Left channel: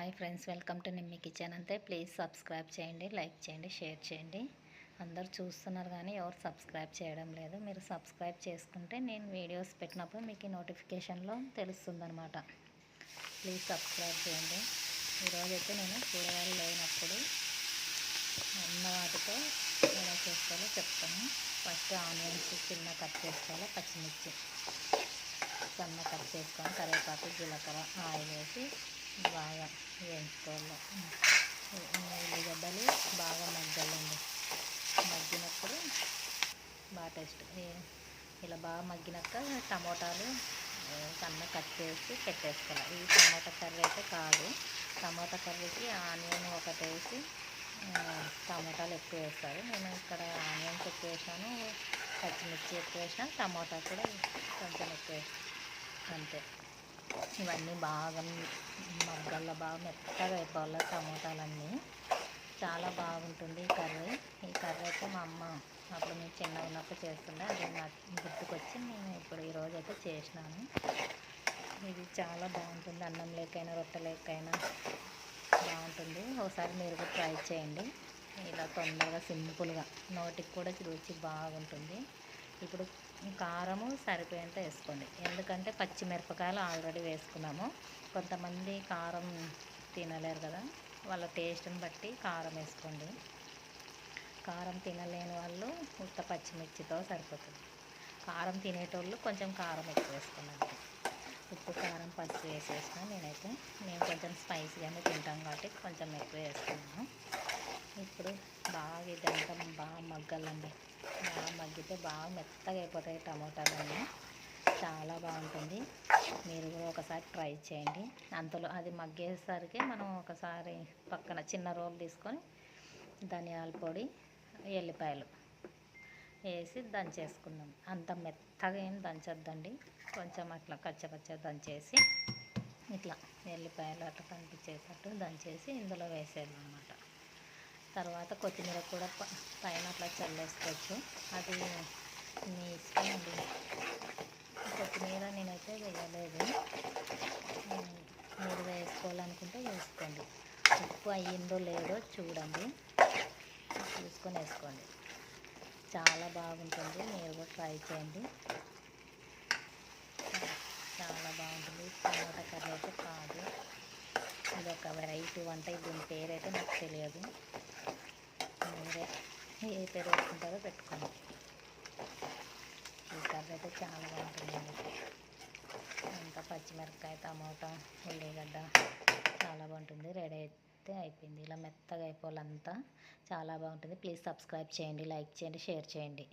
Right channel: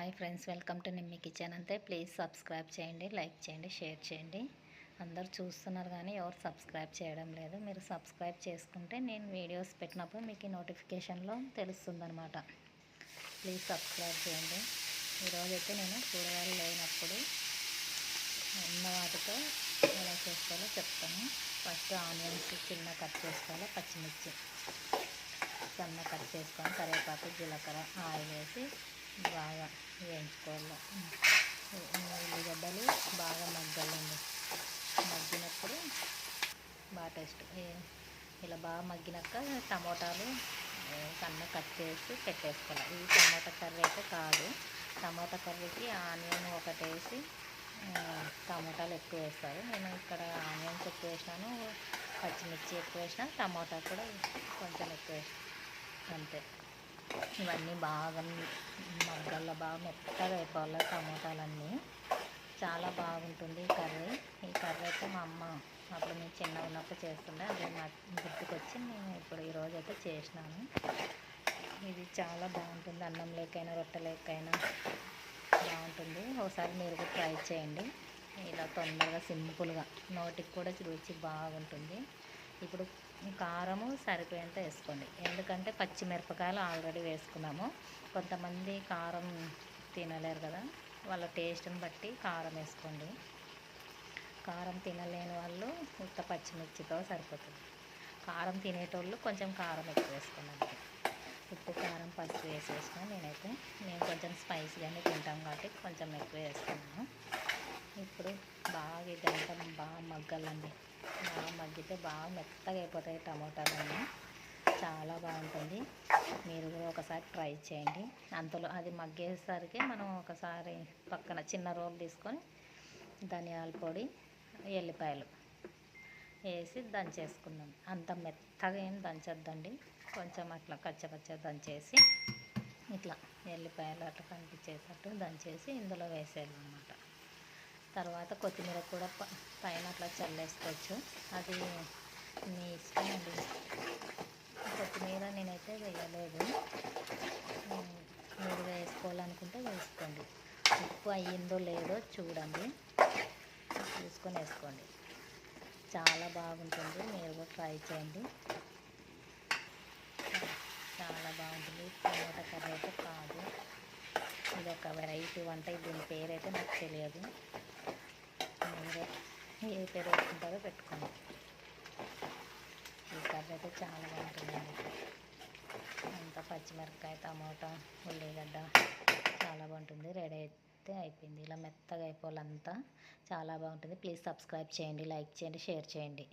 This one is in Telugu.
Hi friends, welcome to Nimmi kitchen. అంతే ప్లీజ్ సబ్స్క్రైబ్ చేయండి, లైక్ చేయండి, షేర్ చేయండి. అందరు చూస్తున్నారు కానీ ఎవరు సబ్స్క్రైబ్ చేయడం లేదు. మీరు సబ్స్క్రైబ్ చేసుకుంటే నేను వీడియోస్ పెట్టినప్పుడు మీకు నోటిఫికేషన్లో తెలుస్తుందన్నమాట. ప్లీజ్ సబ్స్క్రైబ్ చేయండి. ఈరోజైతే నేను కూరగాయలు లేనప్పుడు ఉన్న వాటితో ఎలా చేసుకోవాలో చెప్తాను. ఫస్ట్ ఆనియన్స్ చిన్న కట్ చేసుకోవాలి, పచ్చిమిర్చి సన్న కట్ చేసుకొని కరివేపాకు జీలకర్ర ఆయిల్ వేసి బాగా వేయించుకోవాలి. ఉల్లిగడ్డలు బాగా మగ్గాలండి. మగ్గినప్పుడు బాగా టేస్ట్. ఇలా బాగా మగ్గినాక టమోటాలు సన్న కట్ చేసి పెట్టేసుకోవాలి. ఇది టమోటా కర్రీ అయితే కాదు. టమోటా కర్రీకి ఆనియన్ ఒకటి వేసి టమోటాలు ఎక్కువ వేస్తారు. నేను ఇక్కడ ఆనియన్స్ ఎక్కువ వేసినాను, పచ్చిమిర్చి ఎక్కువ వేసిన, టమోటా కూడా కొంచెం ఎక్కువ వేసిన, అంతే. ఇవన్నీ బాగా మగ్గల్లో బాగా మెత్తగా అయిపోవాలి టమోటాలన్నీ. చాలా బాగుంటుంది ఈ కర్రీ. ఈ కర్రీ అయితే మా అమ్మ అప్పుడు నేను చిన్నగా ఉన్నప్పుడు చేస్తుండే, అది మా గుర్తుకొచ్చి నేను ఇప్పుడు ఈరోజు అయితే చేసినాను. ఇది చాలా బాగుంటుంది, అన్నం లేకైనా రొట్టె లేకైనా బాగుంటుంది. ఒకసారి మీరు కూడా ట్రై చేయండి. ఇలా తొందరగా సింపుల్గా, నోటికి కూడా రుచి బాగుంటుంది. ఇప్పుడు కారము సరిపోయేంత వేసుకోండి, ఎందుకంటే పచ్చిమిరపకాయలు ఆల్రెడీ వేసుకున్నాము. కొంతమంది కారం తినలేరు కదా, వాళ్ళ టేస్ట్ని బట్టి కారం వేసుకోండి. కారం తినలేని వాళ్ళు ఉత్త పచ్చిమిర్చితో సరిపోతుంది. కారం తినేటోళ్ళు కొంచెం కారం ఎక్కువ వేసుకున్నాను. ఉప్పు కారం పసుపు వేసేసిన నేను కొంచెం స్పైసీగానే తింటాం కాబట్టి కొంచెం ఎక్కువ వేసుకున్నాను. ఇప్పుడు బాగా ఇదంతా బాగా మగ్గాలండి. బాగా మగ్గితే బాగా మెత్తగా అయిపోతాయి టమోటాలన్నీ. చాలా బాగుంటుంది. మీరు కూడా ఒకసారి ట్రై చేయండి. అంతలో అది మగ్గేసరికి మనం ఒకసారి పక్కన చిన్న రోలు తీసుకొని ధనియాల పొడి ఎల్లిపాయలు వేసి దంచేసుకుందాం. అంత మెత్తగా ఏం దంచొద్దండి, కొంచెం అట్లా కచ్చపచ్చ దంచేసి ఇట్లా ఎల్లిపాయలు అట్లా కనిపించేటట్టు దంచేసి ఇందులో వేసేయాలన్నమాట. తర్వాత కొత్తిమీర కూడా పైన అట్లా చల్లేసుకోవచ్చు, అది మీ ఇష్టం అండి. కొత్తిమీర నేనైతే వేయలేదు, మీరు వేసుకోవాలనుకుంటే వేసుకోండి. ఉప్పు అయ్యిందో లేదో చూడండి, చూసుకొని వేసుకోండి. చాలా బాగుంటుంది, మీరు కూడా ట్రై చేయండి. చాలా బాగుంటుంది. టమాటా కర్రీ అయితే కాదు, ఇది ఒక వెరైటీ వంట. దీని పేరైతే నాకు తెలియదు, మీరే ఏ పేరు పెట్టుకుంటారో పెట్టుకోండి. ఈ కర్రీ అయితే చాలా బాగుంటుందండి. అంతా పచ్చిమిరపకాయ టమాటా ఉల్లిగడ్డ చాలా బాగుంటుంది. రెడీ అయితే అయిపోయింది. ఇలా మెత్తగా అయిపోవాలంతా. చాలా బాగుంటుంది. ప్లీజ్ సబ్స్క్రైబ్ చేయండి, లైక్ చేయండి, షేర్ చేయండి.